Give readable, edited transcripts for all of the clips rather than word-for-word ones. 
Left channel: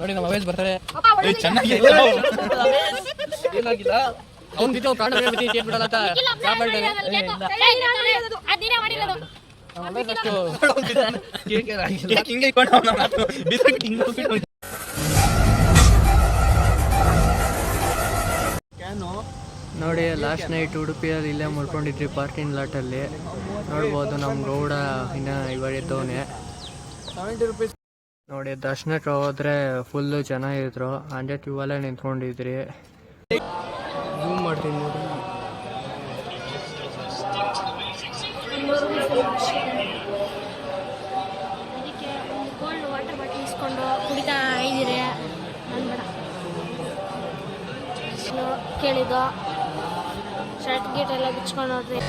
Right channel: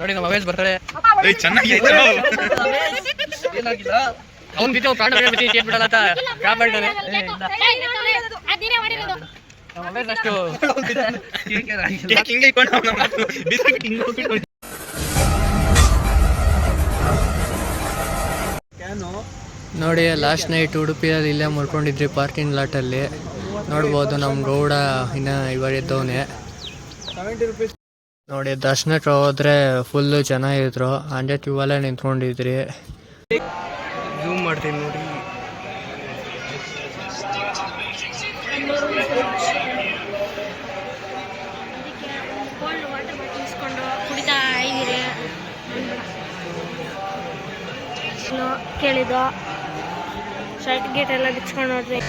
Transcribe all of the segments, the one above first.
ನೋಡಿ ನಮ್ಮ ಅವೇಜ್ ಬರ್ತಾರೆ. ಅವ್ನು ಬಿದ್ದು ಪ್ರಾಣ ಬಿಡಲ್ಲ ಅಂತ ಕಾಪಾಡ್ತಾನೆ. ನಮ್ಮ ಅವೇಜ್ ಅಷ್ಟು ನೋಡಿ. ಲಾಸ್ಟ್ ನೈಟ್ ಉಡುಪಿಯಲ್ಲಿ ಇಲ್ಲೇ ಮುರ್ಕೊಂಡಿದ್ರಿ ಪಾರ್ಕಿಂಗ್ ಲಾಟಲ್ಲಿ. ನೋಡ್ಬೋದು ನಮ್ಮ ಗೌಡ ಇನ್ನು ಇವರಿದ್ದವನೇ ನೋಡಿ. ದರ್ಶನಕ್ಕೆ ಹೋದ್ರೆ ಫುಲ್ಲು ಚೆನ್ನಾಗಿದ್ರು. ಅಂಜೆ ಕ್ಯೂವಲ್ಲೇ ನಿಂತ್ಕೊಂಡಿದ್ರಿ. ಝೂಮ್ ಮಾಡ್ತೀನಿ ನೋಡಿ. ವಾಟರ್ ಬಾಟಲ್ ಇಸ್ಕೊಂಡು ಕುಡಿತಾ ಇದ್ದೀರಿ. ಕೇಳಿದ್ದು ಶರ್ಟ್ ಗೇಟ್ ಎಲ್ಲ ಬಿಚ್ಕೊಂಡು ನೋಡ್ರಿ.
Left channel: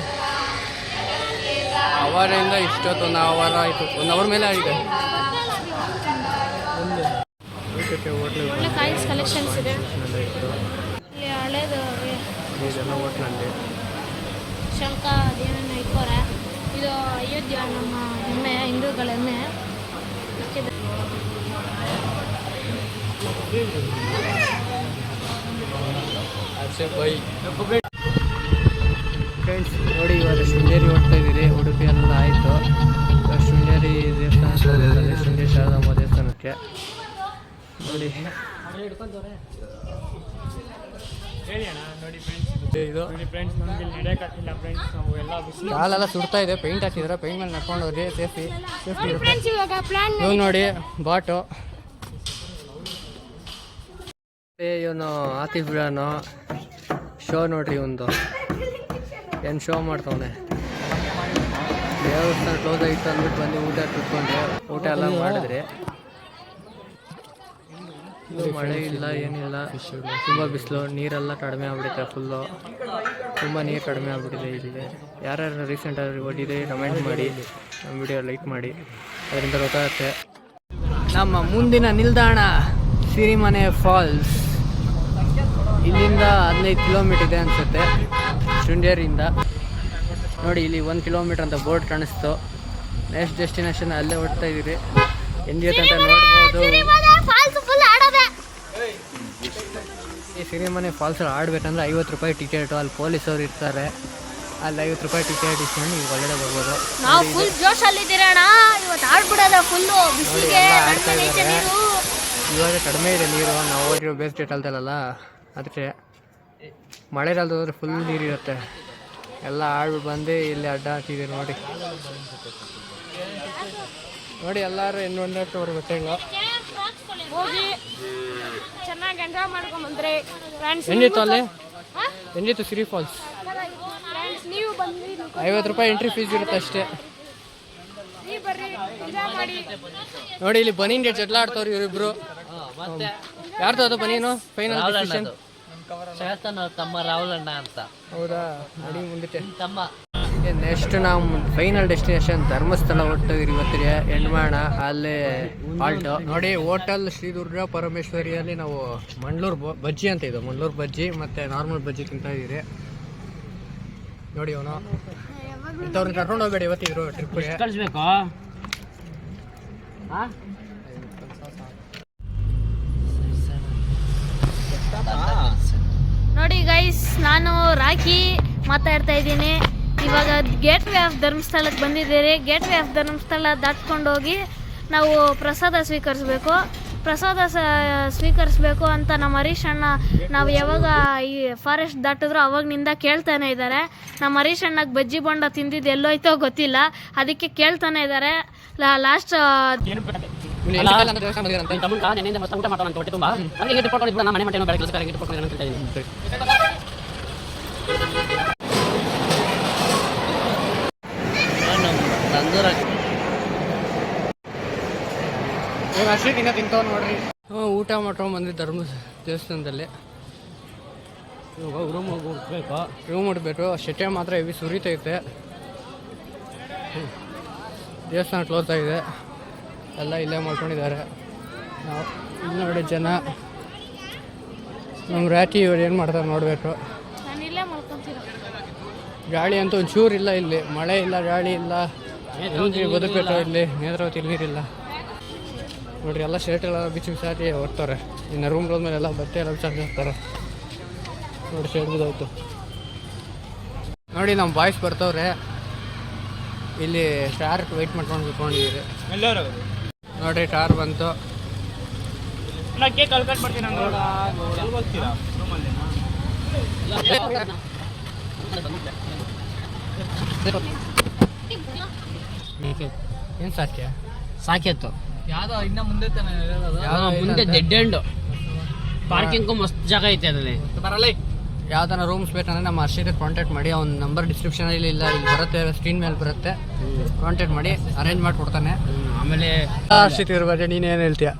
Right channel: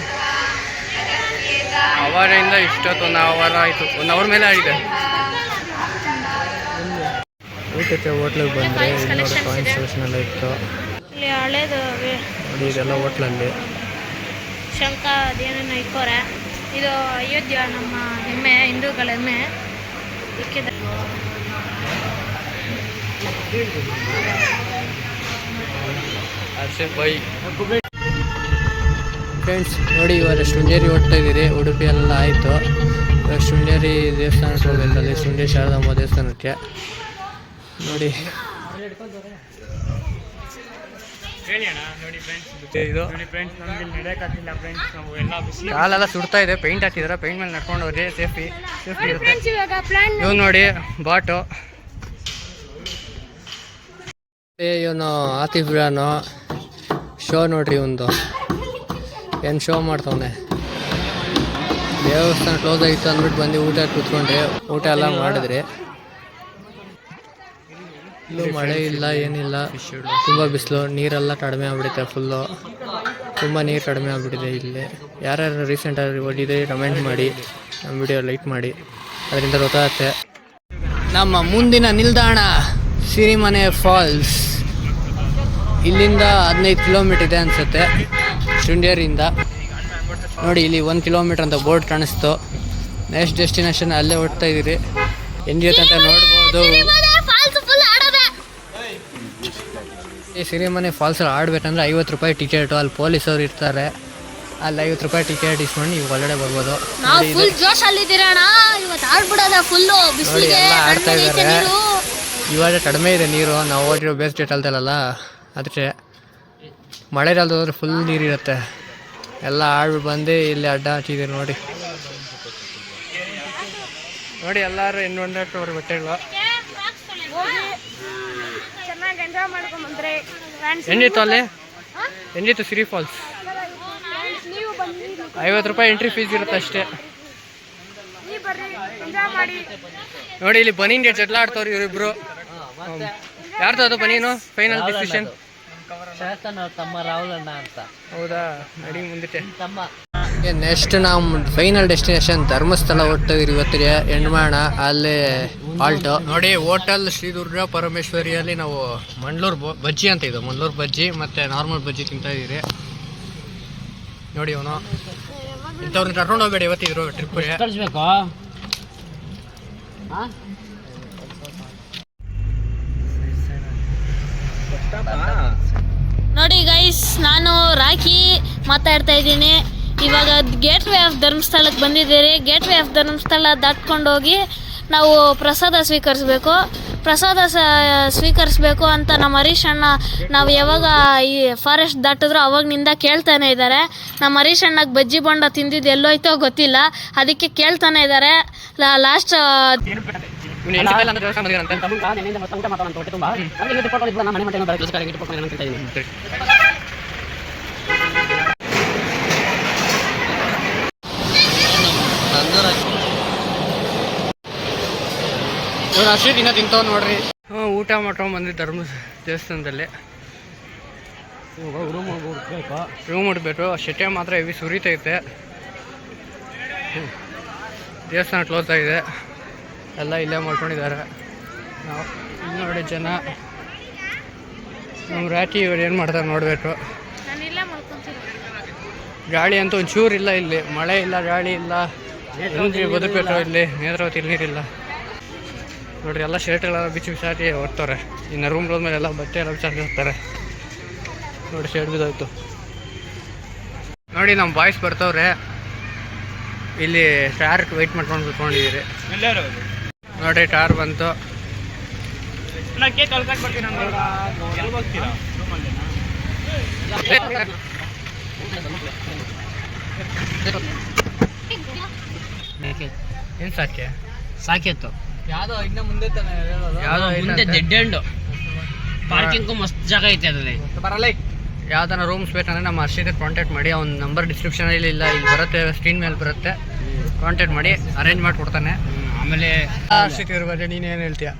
ಅವರಿಂದ ಇಷ್ಟೊತ್ತು 1 ಅವರ್ ಆಯಿತು. 1 ಅವರ್ ಮೇಲೆ ಆಗಿದೆ. ಊಟಕ್ಕೆ ಹೋಟ್ಲಿಗೆ ಬಂದರೆ ಕಲೆಕ್ಷನ್ ಇತ್ತು. ಇಲ್ಲಿ ಹಳೇದು ಇದೆಲ್ಲ ಹೋಟ್ಲಲ್ಲಿ ಶಂಕ ಅದೇನೇನು ಇಕ್ಕೋರೆ. ಇದು ಅಯೋಧ್ಯ ನಮ್ಮ ಹೆಮ್ಮೆ, ಹಿಂದೂಗಳ ಹೆಮ್ಮೆ. ಫ್ರೆಂಡ್ಸ್ ನೋಡಿ, ಇವಾಗ ಶೃಂಗೇರಿ ಹೋಗ್ತಾ ಇದ್ದೀರಿ. ಉಡುಪಿಯಲ್ಲೆಲ್ಲ ಆಯಿತು. ಶೃಂಗೇರಿ ದೇವಸ್ಥಾನಕ್ಕೆ ಹೋಗಬೇಕಲ್ಲಿ, ಶೃಂಗೇರಿ ಶಾರದಾಂಬ ದೇವಸ್ಥಾನಕ್ಕೆ ನೋಡಿ. ಇದು ಕಾಲೆಲ್ಲ ಸುಡ್ತಾ ಇದೆ. ಪೇಂಟ್ ಹಾಕಿದ್ರೆ ಪೇಂಟ್ ಮೇಲೆ ನಡ್ಕೊಂಡು ಹೋಗಿ ಸೇಫ್ಟಿ ಇರುತ್ತೆ. ಇವ್ ನೋಡಿ ಬಾಟು. ಇವನು ಆತಿಫ್ ಬಿಡಾನು ಶೋ ನೋಡ್ರಿ. ಒಂದು ಏನು ಶೋ ಮಾಡ್ತವನೆ. ದೇವಸ್ಥಾನ ಕ್ಲೋಸ್ ಆಗಿತ್ತು ಅಂದ್ಬಿಟ್ಟು ಬಂದು ಊಟ ಕೂತ್ಕೊಂಡ್ರೆ. ಊಟ ಎಲ್ಲ ಮಾಡಿದ್ರಿ. ಮಳೆ ಇಲ್ಲ, ಏನಿಲ್ಲ, ತುಂಬ ಬಿಸಿಲು. ನೀರೆಲ್ಲ ಕಡಿಮೆ ಆಗ್ಬಿಡುತ್ತೆ. ಫುಲ್ಲು ತುಂಬ ನೀರು ಕಡಿಮೆ ಆಗ್ಬಿಟ್ಟಿದೆ ಇಲ್ಲಿ. ಯಾರ್ಯಾರು ರೀಸೆಂಟಾಗಿ ಓದಿದೆ ಕಮೆಂಟ್ ಮಾಡಿ, ನಮ್ಮ ವಿಡಿಯೋ ಲೈಕ್ ಮಾಡಿ, ಅದರಿಂದ ಗೊತ್ತಾಗುತ್ತೆ. ನಮ್ಮ ಮುಂದಿನ ನಿಲ್ದಾಣ ಸಿರಿಮನೆ ಫಾಲ್ಸ್. ಇಲ್ಲಿಂದ 15 ಕಿಲೋಮೀಟರ್ ಇದೆ ಅನಿಸುತ್ತೆ ಶೃಂಗೇರಿಯಿಂದ. ನೋಡಿ ಇಲ್ಲಿ 1 ಕಿಲೋಮೀಟರ್ ಅಂತ ಬೋರ್ಡ್ ಕಾಣಿಸ್ತು. ನೆಕ್ಸ್ಟ್ ಡೆಸ್ಟಿನೇಷನ್ ಅಲ್ಲೇ ಹೊಡ್ತಾ ಇದ್ದೀರಿ. ಹೆಂಗಿರುತ್ತೆ ಅಂತ ನೋಡ್ಬೋದು. ಈ ಸಿರಿಮನೆ ಫಾಲ್ಸಲ್ಲಿ ಆಡಬೇಕಂದ್ರೆ 50 ರೂಪಾಯಿ ಟಿಕೆಟು. ಅಲ್ಲಿ ಪೊಲೀಸವ್ರು ಇರ್ತಾರೆ. ಅಲ್ಲಿ 50 ರೂಪಾಯಿ ಟಿಕೆಟ್ ಇಸ್ಕೊಂಡು ನೀವು ಒಳಗಡೆ ಬರ್ಬೋದು. ನೋಡಿ ಎಲ್ಲ ಆಡ್ತಾ ಇದ್ದಾರೆ. ಇವಾಗ ಕಡಿಮೆ ಇದೆ ನೀರು. ನಾವು ಹೋಗಿರೋ ಬೇಸ್ ಡೇಟ್ ಅಲ್ದಲ್ಲ, ಅದಕ್ಕೆ ಮಳೆಗಾಲದ ಹೋದ್ರೆ ಫುಲ್ ನೀರಿರುತ್ತೆ. ಎಲ್ಲ ಆಡ್ಬಿಟ್ಟು ಬಂದು ಇಲ್ಲಿ ಅಡ್ಡ ಹಾಕಿದ್ದೀರಿ ನೋಡಿ. ನೋಡಿ ಎಲ್ಲರೂ ಎನ್ವೊಂಡಟ್ಟು ಅವ್ರ ಬಟ್ಟೆಗಳು ಹೆಂಗಿತ್ತು ಅಲ್ಲಿ? ಹೆಂಗಿತ್ತು ಸಿರಿ ಫಾಲ್ಸ್? 50 ರೂಪಾಯಿ ಎಂಟ್ರಿ ಫೀಸ್ ಇರುತ್ತೆ ಅಷ್ಟೇ. ನೋಡಿ ಇಲ್ಲಿ ಬನೀನ್ ಗೇಟ್ ಜಗಳ ಆಡ್ತವ್ರು ಇವರಿಬ್ರು. ಯಾರ್ದು ಅದು ಬನೀನು? ಫೈನಲ್ ಡಿಸಿಷನ್ ತಮ್ಮ ರಾಹುಲ್ ಅಣ್ಣ ಅಂತ. ಹೌದಾ? ನಡಿ ಮುಂದಕ್ಕೆ. ನೆಕ್ಸ್ಟ್ ನಾವು ಫೈನಲ್ ಡೆಸ್ಟಿನೇಷನ್ ಧರ್ಮಸ್ಥಳ ಹೋಗ್ತಾಯಿದ್ದೀರಿ ಇವತ್ತಿಗೆ. ಹೆಣ್ಮಾಣ ಅಲ್ಲೇ ಆಲ್ಟೋ ನೋಡಿ. ಹೋಟೆಲ್ ಶ್ರೀ ದುರ್ಗಾ ಪರಮೇಶ್ವರಿಯಲ್ಲಿ ನಾವು ಮಂಡ್ಲೂರು ಬಜ್ಜಿ ಅಂತ ಇದು, ಮಂಡ್ಲೂರು ಬಜ್ಜಿ ಮತ್ತು ನಾರ್ಮಲ್ ಬಜ್ಜಿ ತಿಂತಾ ಇದ್ದೀರಿ ನೋಡಿ. ಅವನು ಇಂಥವ್ರನ್ನ ಕರ್ಕೊಂಡು ಹೋಗ್ಬೇಡಿ ಇವತ್ತಿದ್ರು ಟ್ರಿಪ್ಗೆ. ಕಳಿಸ್ಬೇಕು ನೋಡಿ ಗೈಸ್, ನಾನು ರಾಖಿ ಮಾತಾಡ್ತಾ ಇದ್ದೀನಿ. ಇವಾಗ ಗೇಟ್ ವೇ ಆಫ್ ಧರ್ಮಸ್ಥಳಕ್ಕೆ ಬಂದಿದ್ದೀರಿ. ಗೇಟ್ ವೇ ಆಫ್ ಧರ್ಮಸ್ಥಳ ದಾಟ್ಕೊಂಡು ಹೋಗಿ ನಾವು ಪ್ರಸಾದ ಸ್ವೀಕರಿಸಬೇಕು ಅಂತ ನಮ್ಮ ಹರೀಶ್ ಅಣ್ಣ ನಾವು ಯಾವಾಗ ಈ ಫಾರೆಸ್ಟ್ ದಾಟಿದ್ರು ಅವಾಗನಿಂದ ಕೇಳ್ತಾನೆ ಇದ್ದಾರೆ. ನಮ್ಮ ಹರೀಶ್ ಅಣ್ಣಗೆ ಬಜ್ಜಿ ಬೋಂಡ ತಿಂದಿದ್ದು ಎಲ್ಲೋಯ್ತೋ ಗೊತ್ತಿಲ್ಲ, ಅದಕ್ಕೆ ಕೇಳ್ತಾನೆ ಇದ್ದಾರೆ. ಲಾಸ್ಟ್ ಇವ್ರು ಅಷ್ಟೇ ದಿನ ತಿಂತಾವ್ ನೋಡ್ರಿ. ಊಟ ಮಾಡ್ಕೊಂಡು ಬಂದ್ವಿ ಧರ್ಮ ದೇವಸ್ಥಾನದಲ್ಲಿ. ರೂಮ್ ಉಡ್ಬೇಕು. ಶೆಟ್ಟೆ ಮಾತ್ರ ಹೆವಿ ಸುರಿತೈತೆ. ದೇವಸ್ಥಾನ ಕ್ಲೋಸ್ ಆಗಿದೆ. ಎಲ್ಲ ಇಲ್ಲೇ ಮಾಡ್ಕೊಂಡಿದ್ದಾರೆ. ನಾವು ಇಲ್ಲಿ ನೋಡಿ ಜನ ನಮ್ಮ ರಾಕಿ ಇವ್ರು ಏನು ಮಾಡ್ತಾರೆ ನೋಡಬೇಕು. ಗಾಳಿ ಅಂತೂ ಒಂಚೂರು ಇಲ್ಲ ಇಲ್ಲಿ. ಮಳೆ ಇಲ್ಲ, ಗಾಳಿ ಇಲ್ಲ, ಎಲ್ಲಿ ಬದುಕಬೇಕು ಇಲ್ಲಿ ನೇತ್ರಾವತಿ ನೀರಿಲ್ಲ. ನೋಡ್ರಿ ಎಲ್ಲ ಶರ್ಟ್ಗಳೆಲ್ಲ ಬಿಚ್ಚಿ ಬಿಸಾಕಿ ಹೊರ್ತಾರೆ. ಇನ್ನು ರೂಮ್ ಹೋದ್ಮೇಲೆ ಎಲ್ಲ ಬಟ್ಟೆ ಎಲ್ಲ ಬಿಸಾಕಿರ್ತಾರೆ. ನೋಡಿ ಶರ್ಟ್ ಬಿದ್ದೋಯ್ತು. ನೋಡಿ ನಮ್ಮ ಬಾಯ್ಸ್ ಬರ್ತವ್ರೆ. ಇಲ್ಲಿ ಸ್ಟಾರ್ ವೆಯ್ಟ್ ಮಾಡ್ಕೊಂಡು ಕುತ್ಕೊಂಡಿದ್ದೀರಿ. ನೋಡ್ರಿ ಸ್ಟಾರ್ ಬಂತು. ಏನು ಸಾಕೆ ಸಾಕಿತ್ತು ಯಾವುದೋ ಇನ್ನು ಮುಂದೆ ಯಾವುದೋ ಡೆಡ್ ಎಂಡ್ ಪಾರ್ಕಿಂಗ್ ಮಸ್ತ್ ಜಾಗ ಐತೆ ಅದ್ರಲ್ಲಿ. ಯಾವ್ದಾರ ರೂಮ್ಸ್ ಬೇಕಂದ್ರೆ ನಮ್ಮ ಹರ್ಷಿತ್ ಕಾಂಟ್ಯಾಕ್ಟ್ ಮಾಡಿ. ಅವ್ನ ನಂಬರ್ ಡಿಸ್ಕ್ರಿಪ್ಷನಲ್ಲಿ ಇಲ್ಲ, ಇಲ್ಲಿ ಬರುತ್ತೆ, ಸ್ಕ್ರೀನ್ ಮೇಲೆ ಬರುತ್ತೆ. ಕಾಂಟ್ಯಾಕ್ಟ್ ಮಾಡಿ ಅರೇಂಜ್ ಮಾಡಿಕೊಡ್ತಾನೆ. ಆಮೇಲೆ ಹರ್ಷಿತ್ ಇವ್ರ ಬಗ್ಗೆ ನೀನು ಏನು ಹೇಳ್ತೀಯ?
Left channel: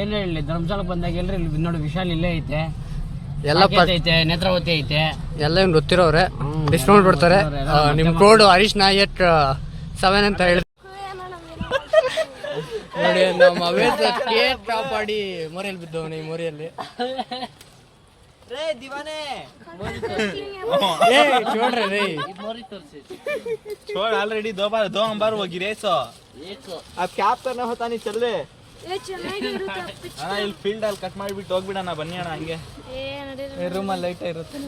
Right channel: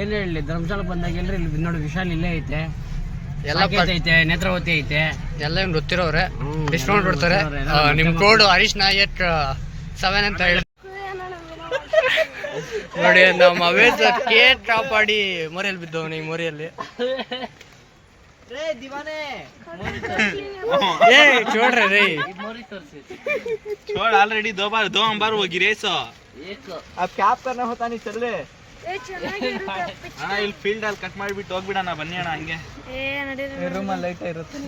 ಏನು ಹೇಳಿ, ಧರ್ಮಸ್ಥಳ ಬಂದಾಗ ಎಲ್ರಿ ಇಲ್ಲಿ ನೋಡಿ ವಿಶಾಲ್ ಇಲ್ಲೇ ಐತೆ, ಎಲ್ಲ ಐತೆ, ನೇತ್ರಾವತಿ ಐತೆ, ಎಲ್ಲ ನಿಮ್ಗೆ ಗೊತ್ತಿರೋರೆ. ಡಿಸ್ಕೌಂಟ್ ಕೊಡ್ತಾರೆ. ನಿಮ್ಮ ಕೋಡ್ ಹರೀಶ್ ನಾಯಕ್ 7 ಅಂತ ಹೇಳಿ. ನೋಡಿ ನಮ್ಮ ಅವೇಜ್ ಕೇಕ್ ಟಾಪ್ ಆಡಿ ಮೋರಿಯಲ್ಲಿ ಬಿದ್ದವನು. ಈ ಮೋರಿಯಲ್ಲಿ छोड़ रहे छोड़ ऑलरेडी दो हम बार वो गिरे सो अब क्या करना होता नहीं चल रहे ಅಣ್ಣ ಇಲ್ಲಿ ಫೀಲ್ಡ್ ಅಲ್ಲಿ ಕಟ್ ಮಾಡಿಬಿಟ್ಟು ಹೋಗ್ಬಿಡೋಣ ಬನ್ನಿ ಅಣ್ಣ ಹಂಗೆ. ರೂಮಲ್ಲಿ ಲೈಟ್ ಇರುತ್ತೆ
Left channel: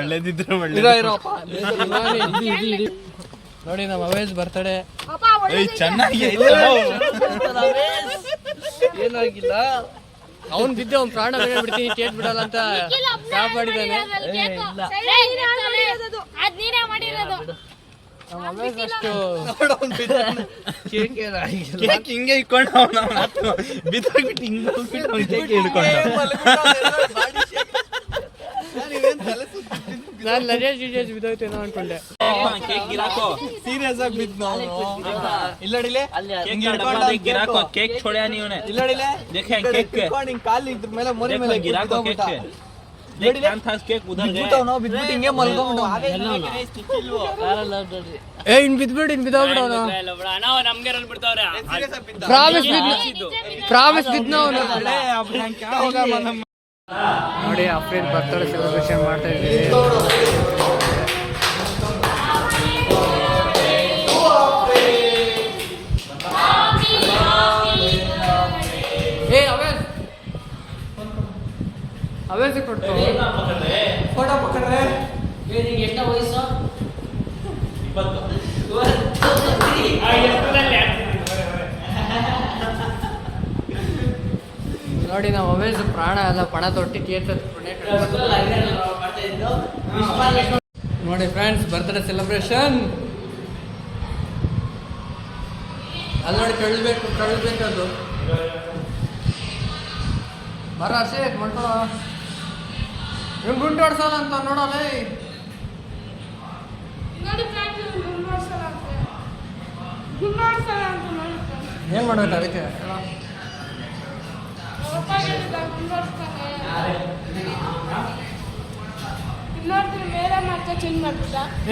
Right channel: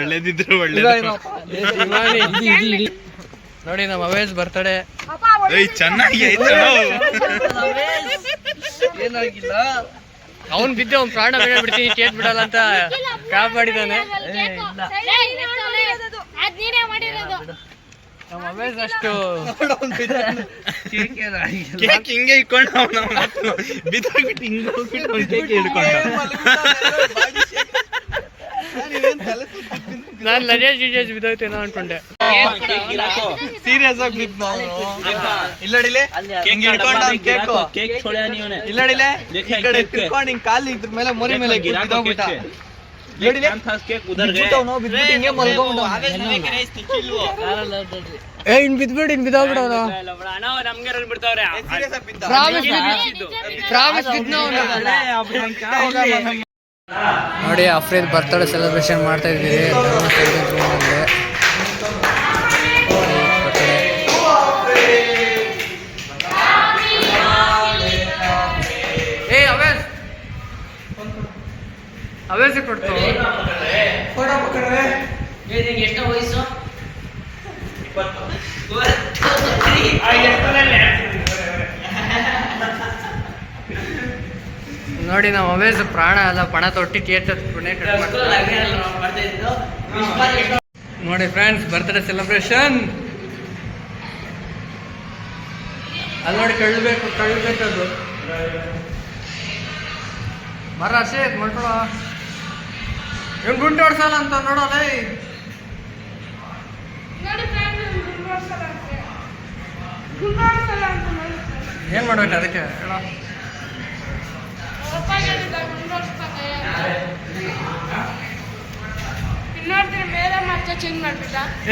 ಒಳ್ಳೇದಿದ್ರು ಒಳ್ಳೆ ನೋಡಿ ನಮ್ಮ ಅವೇಜ್ ಬರ್ತಡೆ. ಚೆನ್ನಾಗಿ ಏನಾಗಿಲ್ಲ, ಅವ್ನು ಬಿದ್ದೆ ಅವ್ನು ಪ್ರಾಣ ಬಿಡ್ತೀನಿ ಕೇಟ್ ಬಿಡಲ್ಲ ಅಂತ ಕಾಪಾಡಿದಾನೆ ನಮ್ಮ ಅವೇಜ್. ಅಷ್ಟು ಕೇಕ್ ಹಿಂಗೆ ಇಟ್ಕೊಂಡು ಬಿದ್ದೋಗ್ಬಿಟ್ಟು ಹಿಂಗೆ ಕೇಕ್ ಹಿಡ್ಕೊಂಡು ನಾನು ಲಜೇಜ್ ಬಿದ್ದೋಯ್ತೇನೋ ಅನ್ಕೊಂಡೆ. ಸೀರಿಯಸ್ ಆಗಿ ಬಿದ್ದು ಇಲ್ಲಡಿಲೆ ಹಿಂಗೆ ಹಿಡ್ಕೊಂಡು ಕೇಕ್ छोड़ा नहीं उन्हें ಇಲ್ಲಡಿಲೆ ಈ ಕಡೆ ಹಿಡ್ಕೊಂಡು ಹಿಂಗೆ ಕಾಲು ಇದ್ರ ಮೇಲೆ ಮೊರೆ ಮೇಲೆ ಬಿದ್ದೋಗ್ಬಿಟ್ಟ. ಇಲ್ಲಡಿಲೆ ಕೇಕ್ ಉದರ್ ಗए ಬಿದ್ದವನು ಬಿದ್ಬಿಟ್ಟು ಹಿಂಗೆ ಮಲ್ಕೊಂಡು ಏ ಇನ್ ಬಿದ್ಬಿಟ್ಟು ಇನ್ ಬಿದ್ದೋಗ್ಬಿಡವನು. ಪ್ರಾಮಿಸ್ ಬಿದ್ದ ನೋಡಿ. ಅಫ್ರೀದ್ ಬರ್ತಡೇ ಸೆಲೆಬ್ರೇಷನ್ ಮಾಡ್ತಾ ಇದ್ದೀವಿ. ಏ ಅವೇಸ್ ಕೊಡ್ತು ಫೋಟೋ ಪಕ್ಕಡ್ರೆ. ಎಷ್ಟು ವಯಸ್ಸು? ನೋಡಿ ನಮ್ಮ ಅವೇಸ್ ಪ್ರಾಣ ಅದ ಪಣ ತೊಟ್ಟಿ ಕೇಕ್ ನೋಡಿ ಫ್ರೆಂಡ್ಸ್ ಬರ್ತಡೇ ಸೆಲೆಬ್ರೇಷನ್. ಅಲ್ಲಿ ನೋಡಿ ಕಳ್ಬೇಕು ಅದು ಬರ ಹರ್ಷಿತ್ ಮಾಡ್ಕೊಳ. ಇವ್ನು ಗುಂಡು ಹೊಡ್ಸಲ್ಲ ಅಂತ ನೋಡಲ್ಲ. ಏನ್ ಮಾಡ್ಬೇಕು ಅದಕ್ಕೆ ಹೇಳ.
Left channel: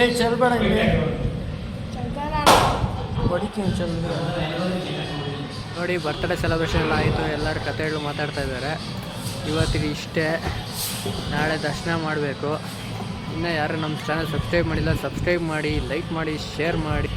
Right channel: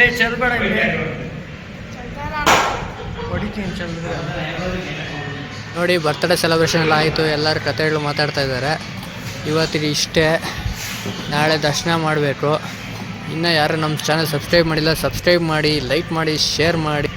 ಏ ಚಲ್ಬೇಡ ಹೊಡಿತೀನಿ ಚಲ್ದ್ರೆ. ನೋಡಿ ಬರ್ತಡೇ ಸೆಲೆಬ್ರೇಷನ್ ಎಲ್ಲ ಆಯಿತು. ಎಲ್ಲರ ಕಥೆಗಳು ಮಾತಾಡ್ತಾ ಇದ್ದಾರೆ. ಇವತ್ತಿಗೆ ಇಷ್ಟೇ. ನಾಳೆ ದರ್ಶನ ಮಾಡಬೇಕು. ಇನ್ನೂ ಯಾರು ನಮ್ಮ ಚಾನಲ್ ಸಬ್ಸ್ಕ್ರೈಬ್ ಮಾಡಿಲ್ಲ, ಸಬ್ಸ್ಕ್ರೈಬ್ ಮಾಡಿ, ಲೈಕ್ ಮಾಡಿ, ಶೇರ್ ಮಾಡಿ.